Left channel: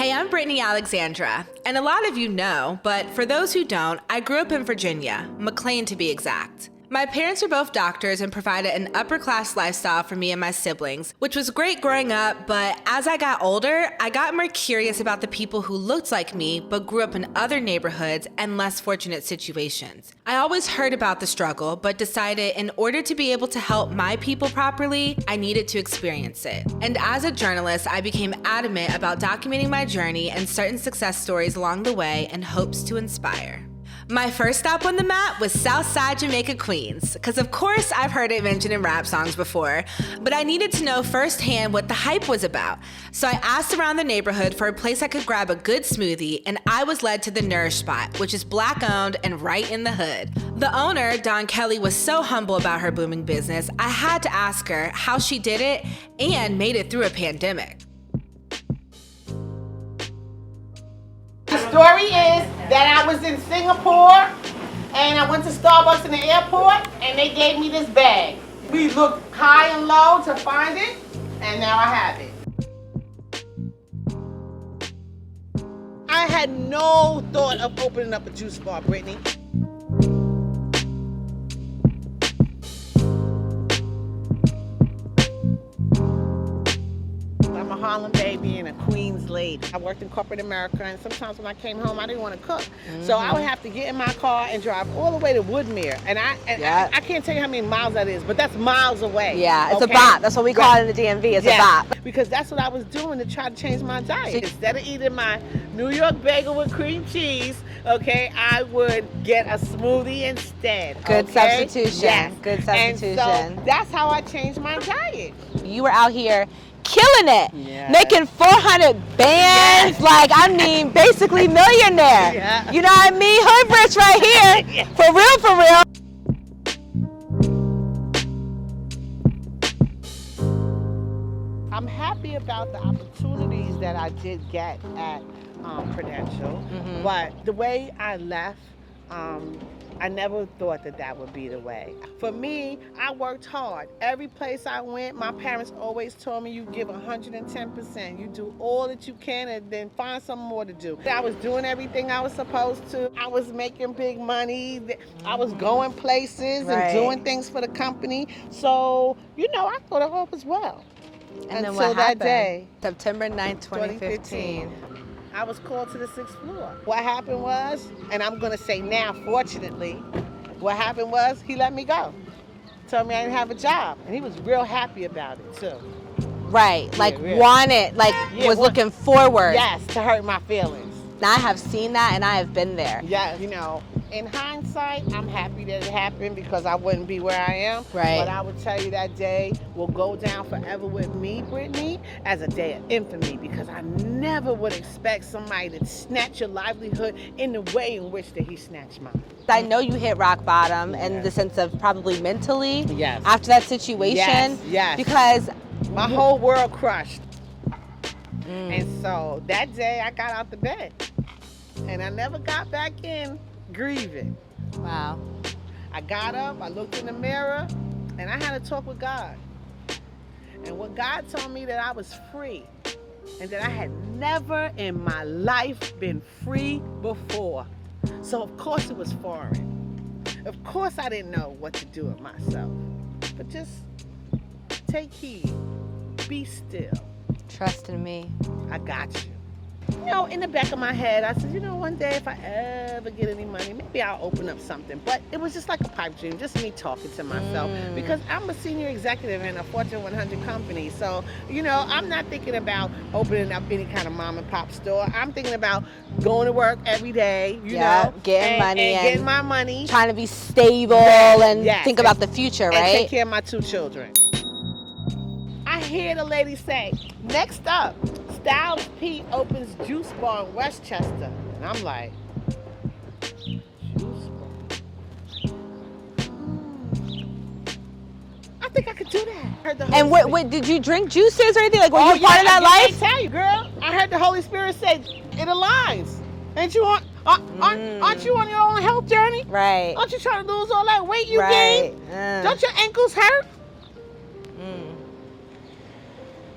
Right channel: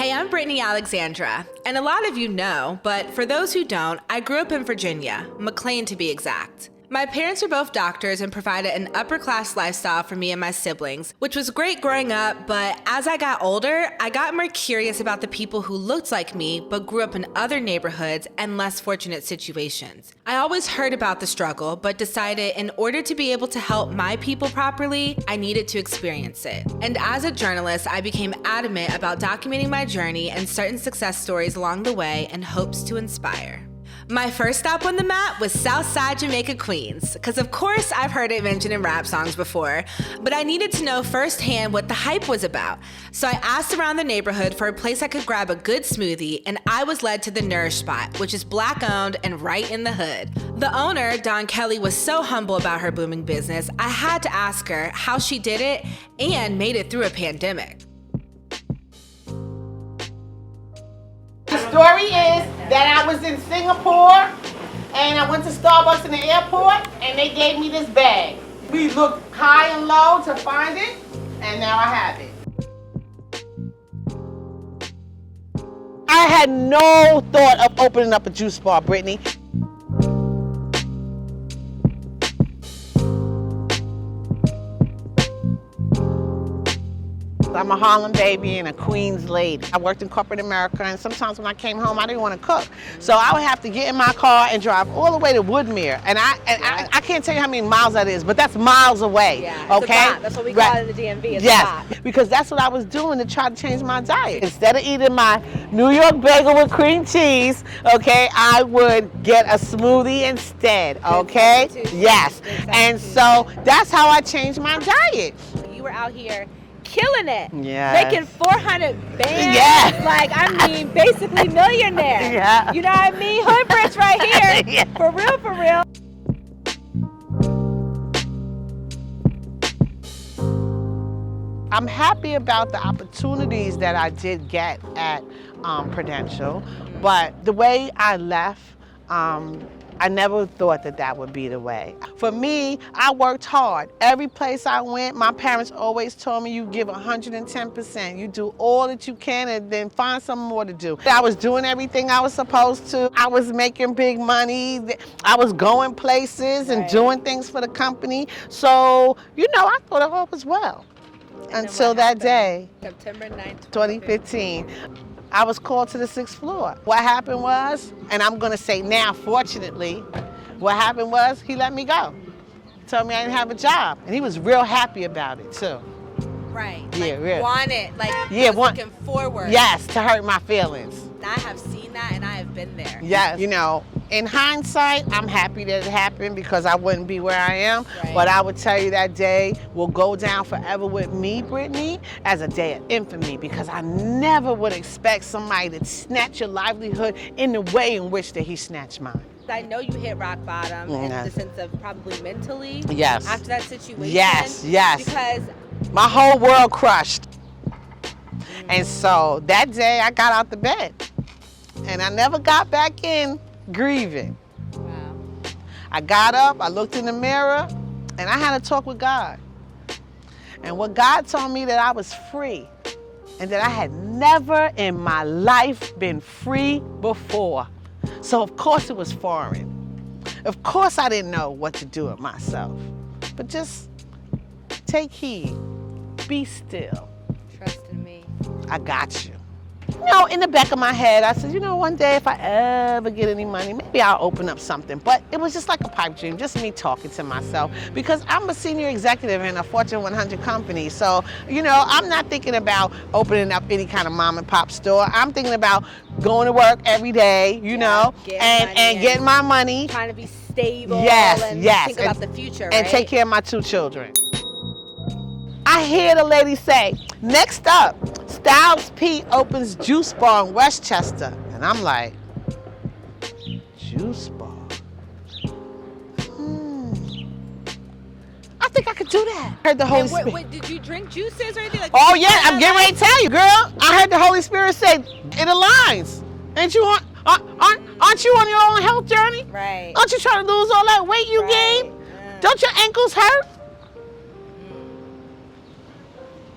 Hey, I'm Brittany Alexandra, and a lot of you know, but for those who don't, I grew up in Virginia, McLean to be exact. My parents were both doctors and provided an upper-class lifestyle for me and my siblings, which was great growing up, but as I got older, I got more curious about the people who looked like me but grew up in other neighborhoods and less fortunate situations. I always heard about the struggle, but decided in order to be able to help my people properly, I needed to experience it. And as a journalist, I became adamant about documenting my journey and certain success stories along the way in hopes to inspire. My first stop on the map was Southside Jamaica Queens, because of course I've heard it mentioned in rap songs before, but I needed to know firsthand what the hype was about. So I asked around the neighborhood for a place I could grab a good smoothie, and I was led to the Nourish Spot, which is Black owned and right in the hood. The owner, Dawn Kelly, was so humble about her booming business, I had to ask her how she did it and made it through a pandemic. The story is that I was in Singapore and I went to Starbucks in the airport and they gave me this bag. We looked high and low to find it and now I have it. I had no thought of opening up a juice bar, Brittany. I'm a Harlem baby and a Queens lady. I worked in corporate America, and sometimes when I came home, I didn't want to cook. So I would have to get in my car and drive all the way to Woodmere. And I can't tell you how many miles that is, but that's miles away. Yeah, it's a bop. That's what we call it in the DMV. It's a bop. Because that's what I was doing to try to change my diet. Instead of eating my New York bagel with cream cheese, okay, I would get a smoothie instead. Okay. Good substitution. Yes. Good And substitution. so that's how I changed my diet. You were out here killing it, Yeah. making 400 bands, Yeah. like, I mean, basically millionaire. Yeah. You know what I mean? Hood rich right here. Yeah. For real, for real. I'm happy about the opportunities that I did get at Prudential, but the way I left, I never thought that that would be the way. For me, I worked hard. Every place I went, my parents always told me you give 110%. You do all that you can and then find something more to do. I was doing everything I was supposed to. I was making big money. I was going places and doing things for the company. So, you know, I thought all was well. And Until that day, September 9th, 2015. I was called to the 6th floor. What happened was, and I'm gonna say now, fortunately, what happened was he let me go. Told me I didn't have a job. And he was real happy about it too. Right, like Yeah. wanted, like was looking forward. Yes, to hurt my feelings. Now I have seen that and I have been there. Yes. You know, in hindsight, I'm happy that it happened because I wouldn't be where I am. Right. But I would tell you that day will go down forever with me, Brittany, as a day of infamy because I never would expect somebody to snatch your livelihood in the way in which that he snatched mine. I know you hit rock bottom in Yeah. the sense of probably mentally. Yes. After that situation. Yes, yes. Because My whole world crushed. And so that day I got out the bed and I never got back in grieving. wow. I got up, I looked in the mirror, and I had a talk with God. And what God told me that I was free and that I had never in my life been free before. So of course it was foreign. Of course I didn't know what to do with myself. But just take heed, be still. Trust in me. I got you. You know, in the back of my head, I said, you know, one day if I ever get any money, maybe I'll open up something. But it was just like a pipe dream, just me talking to myself. Because I'm a senior executive in a Fortune 100 company. So, you know, I'm not thinking about opening up any kind of mom and pop store. I'm thinking about going to work every day, you know, getting money and getting my money. Trying to be stable Yes, and yes. think about the future, right? And take care of my 2 children. I hear the lady say, next up, Styles P opens juice bar in Westchester. And I'm like, juice bar? I think I could do that. I heard the Holy And Spirit. wait, did you drink juices or anything? Like, Oh were you yeah, running I'm that getting ready life? to tell you, girl. I heard the Holy Spirit say, it aligns. Ain't you on, aren't you on your own health journey? Right. Aren't you trying to lose all that weight you gained? Don't your ankles hurt?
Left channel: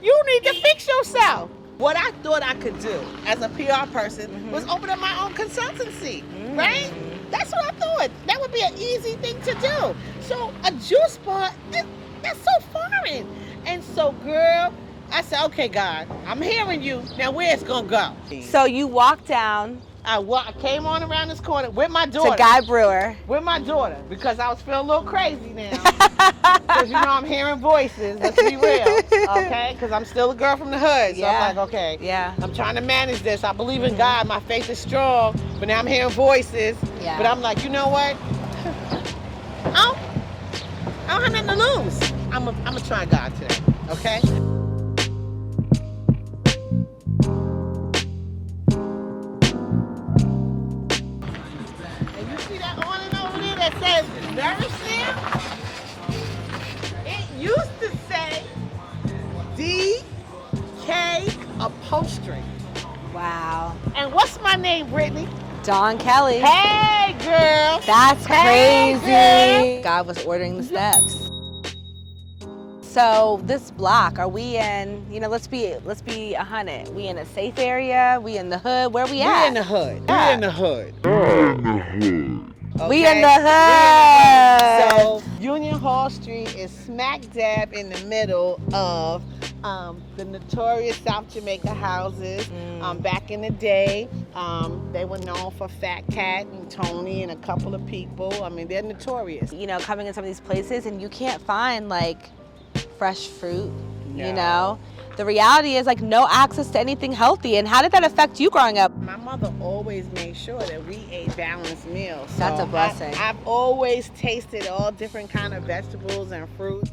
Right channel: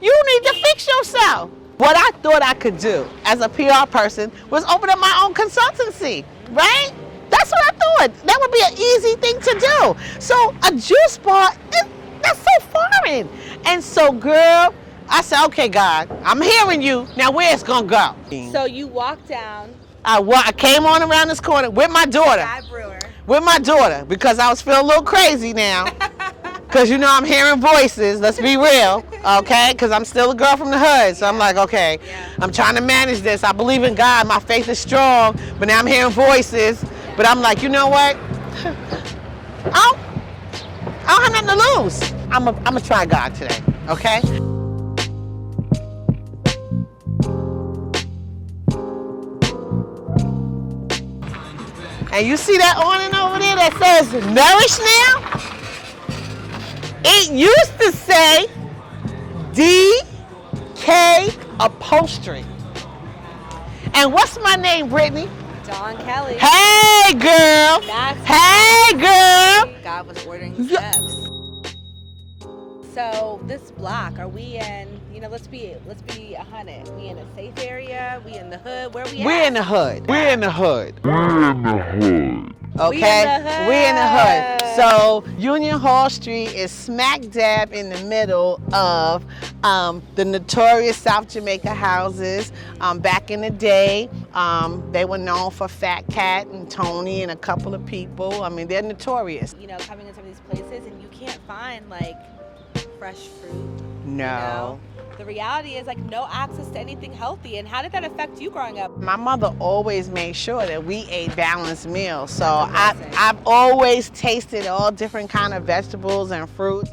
You need to fix yourself. What I thought I could do as a PR person was open up my own consultancy, right? That's what I thought. That would be an easy thing to do. So a juice bar, that's so foreign. And so, girl, I said, okay, God, I'm hearing you. Now, where it's gonna go? So you walk down I came on around this corner with my daughter. to Guy Brewer. With my daughter, because I was feeling a little crazy now. Because, you know, I'm hearing voices, let's be real, okay? Because I'm still a girl from the hood, so I'm like, okay, I'm trying to manage this. I believe in God, my faith is strong, but now I'm hearing voices. Yeah. But I'm like, you know what? I don't have nothing to lose. I'm gonna try God today, okay? And you see that awning over there that says Nourish now? It used to say DK Upholstery. Wow. And what's my name, Brittany? Dawn Kelly. Hey, girl. That's Hey, crazy. girl. God was ordering the steps. So this block, are we in, you know, let's be 100. We in a safe area? We in the hood? Where we at? We're in the hood. We're in the hood. Okay? We in the hood. We're in the hood. So Union Hall Street is smack dab in the middle of the notorious South Jamaica houses. Back in the day, they were known for Fat Cat and Tony and a couple of people. I mean, they're notorious. You know, coming in some of these places and you can't find like fresh fruit. No. You know? The reality is like no access to anything healthy. And how did that affect you growing up? My mother always made sure that we ate balanced meals. So That's a blessing. I've always tasted all different kind of vegetables and fruits.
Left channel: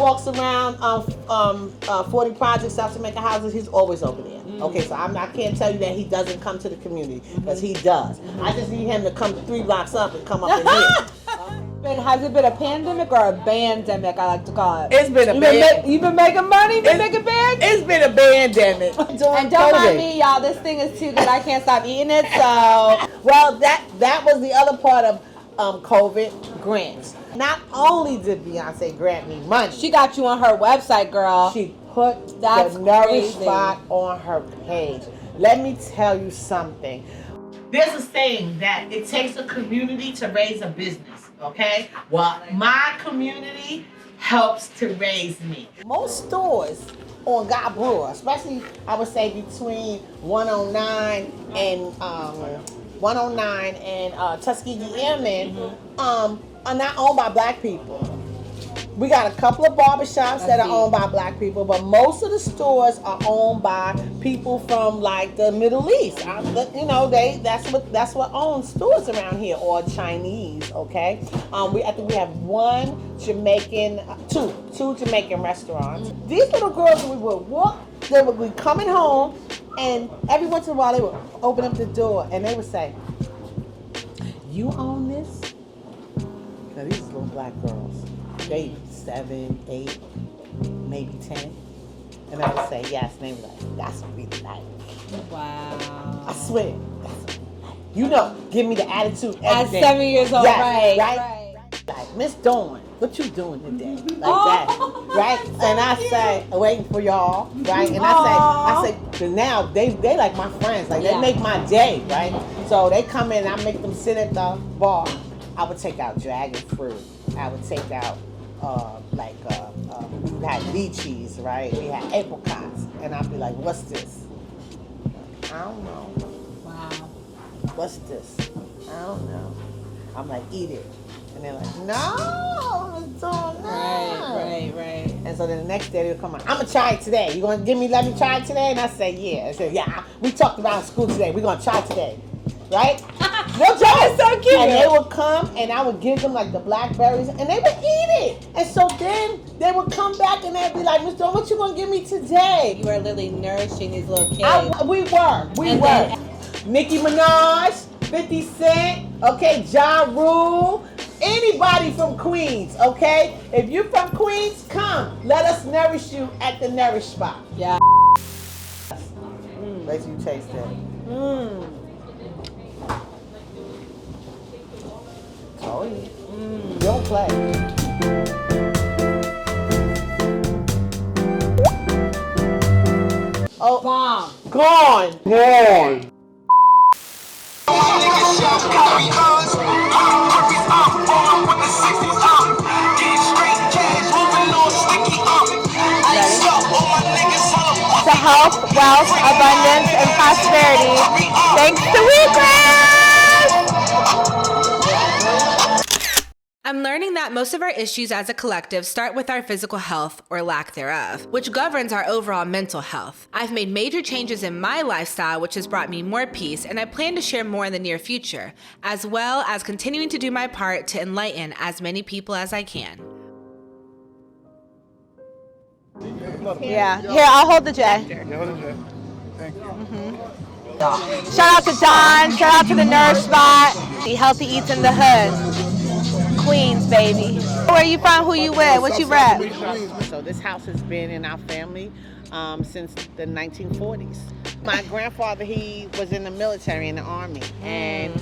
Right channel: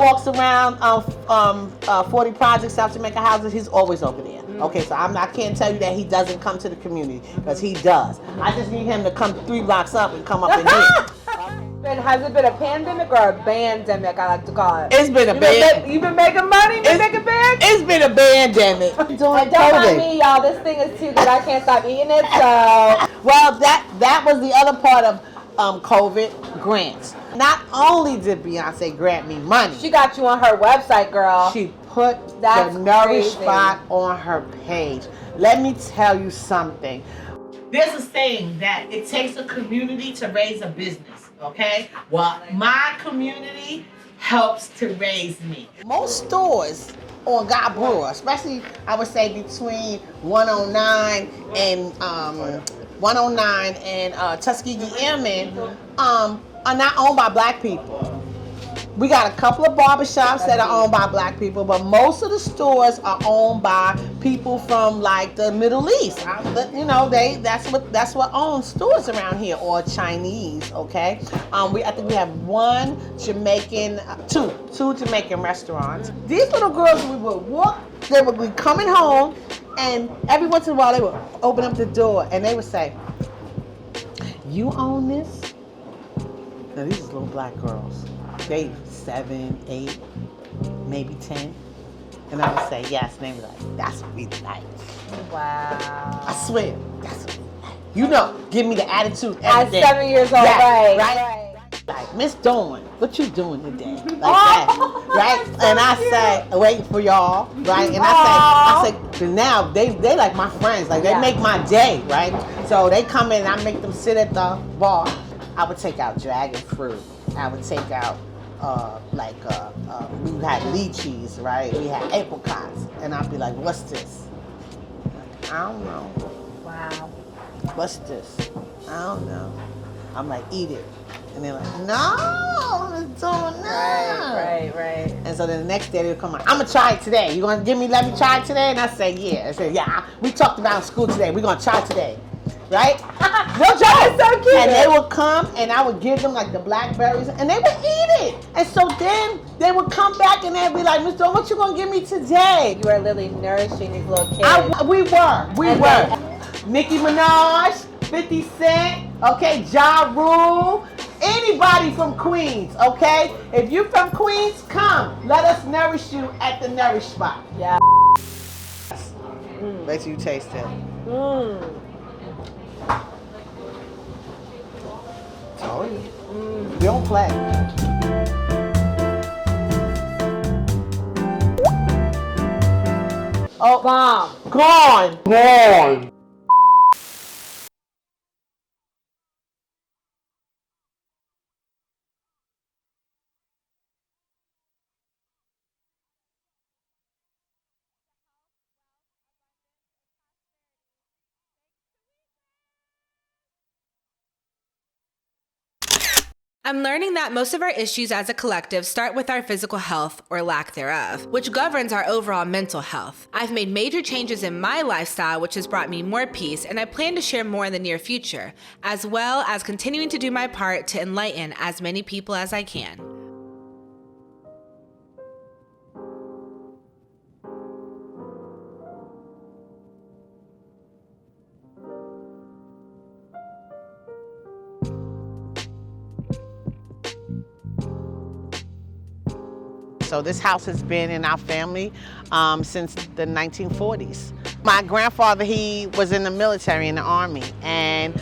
Walks around 40 projects, South Jamaica houses. He's always over there. Okay, so I can't tell you that he doesn't come to the community, because he does. I just need him to come 3 blocks up and come up and hit. Has it been a pandemic or a bandemic, I like to call it? It's been a band. You've been making money? Been making bands? It's been a pandemic. And don't mind me, y'all. This thing is too good. I can't stop eating it. So, well, that was the other part of COVID grants. Not only did Beyonce grant me money, she got you on her website, girl. she put That's the Nourish crazy. Spot on her page. Let me tell you something. There's a saying that it takes a community to raise a business, okay? Well, my community helps to raise me. Most stores on Guy Brewer, especially I would say between 109 and Tuskegee Airmen, are not owned by black people. We got a couple of barbershops that are owned by black people, but most of the stores are owned by people from like the Middle East. You know, that's what owns stores around here, or Chinese. Okay, I think we have two Jamaican restaurants. These little girls, we would walk. They would be coming home, and every once in a while they would open up the door and they would say, "You own this?" Now, these little black girls. They 7, 8, maybe 10. And I would say yes. And they were like, "That's what we like." Wow. I swear, that's what we like. You know, give me the attitude. At every day. 7 years old, right. Like, "Miss Dawn, what you doing today?" Like that, right? And I say, waiting for y'all, right? And I say, now they like my friends. Like, they make my day, right? So they come in and I make them sit at the bar. I would take out dragon fruit. I would take out we had lychees, right? We had apricots, and I'd be like, "What's this?" "I don't know." Wow. "What's this?" "I don't know." I'm like, "Eat it," and they're like, "No, it's doing that." Right. And so then the next day they'll come on, "I'm gonna try it today. You gonna let me try it today?" And I say, "Yeah." I said, "Yeah. We talked about it in school today. We're gonna try it today." Right? No joke. So cute. And they would come and I would give them like the blackberries and they would eat it. And so then they would come back and they'd be like, "Miss Dawn, what you gonna give me today?" You are literally nourishing these little kids. We were. Nicki Minaj, 50 Cent, okay, Ja Rule, anybody from Queens, okay? If you're from Queens, come. Let us nourish you at the Nourish Spot. Yeah. Let you taste that. We don't play. Oh, bomb. Gone. Gone. To health, wealth, abundance, and prosperity. Thanks to Wheatgrass! I'm learning that most of our issues as a collective start with our physical health, or lack thereof, which governs our overall mental health. I've made major changes in my lifestyle, which has brought me more peace, and I plan to share more in the near future, as well as continuing to do my part to enlighten as many people as I can. Yeah. Here, I'll hold the J. Shout out to Don. Shout out to the Nourish Spot. The Healthy Eats in the Hood. Queens, baby. Where you from? Who you with? What you rep? So this house has been in our family since the 1940s. My grandfather, he was in the military, in the Army, and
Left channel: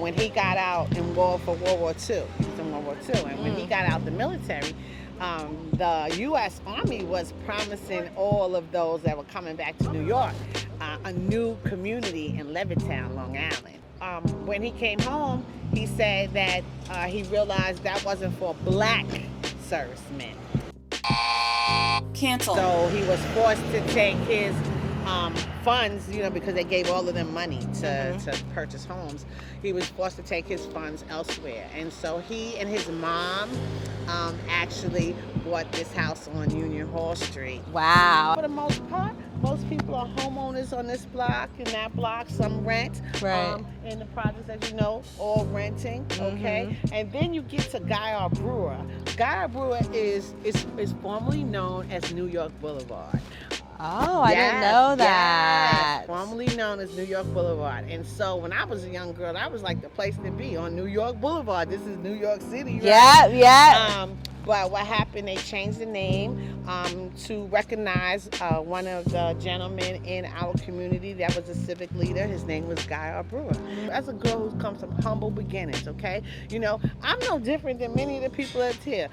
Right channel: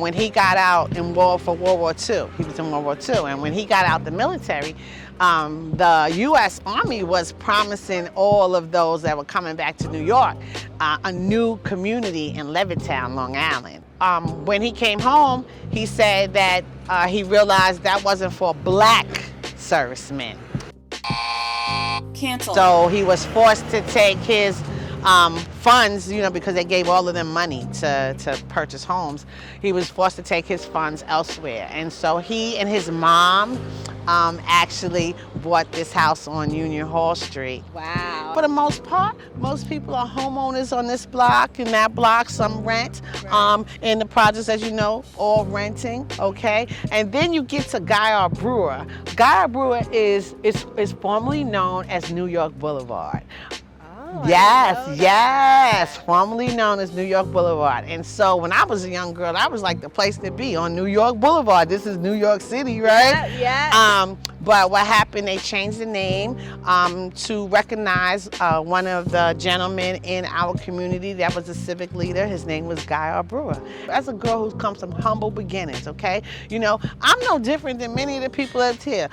when he got out for World War II, he was in World War II, and when he got out the military, the U.S. Army was promising all of those that were coming back to New York a new community in Levittown, Long Island. When he came home, he said that he realized that wasn't for black servicemen. Cancel. So he was forced to take his funds, you know, because they gave all of them money to purchase homes. He was forced to take his funds elsewhere. And so he and his mom actually bought this house on Union Hall Street. Wow. For the most part, most people are homeowners on this block. In that block, some rent. Right. In the projects, as you know, all renting, okay? And then you get to Guy Brewer. Guy Brewer is formerly known as New York Boulevard. Oh, I didn't know that. Yes, formerly known as New York Boulevard. And so when I was a young girl, that was like the place to be, on New York Boulevard. This is New York City, right? Yeah. But what happened, they changed the name to recognize one of the gentlemen in our community that was a civic leader. His name was Guy Brewer. As a girl who comes from humble beginnings, okay? You know, I'm no different than many of the people that's here.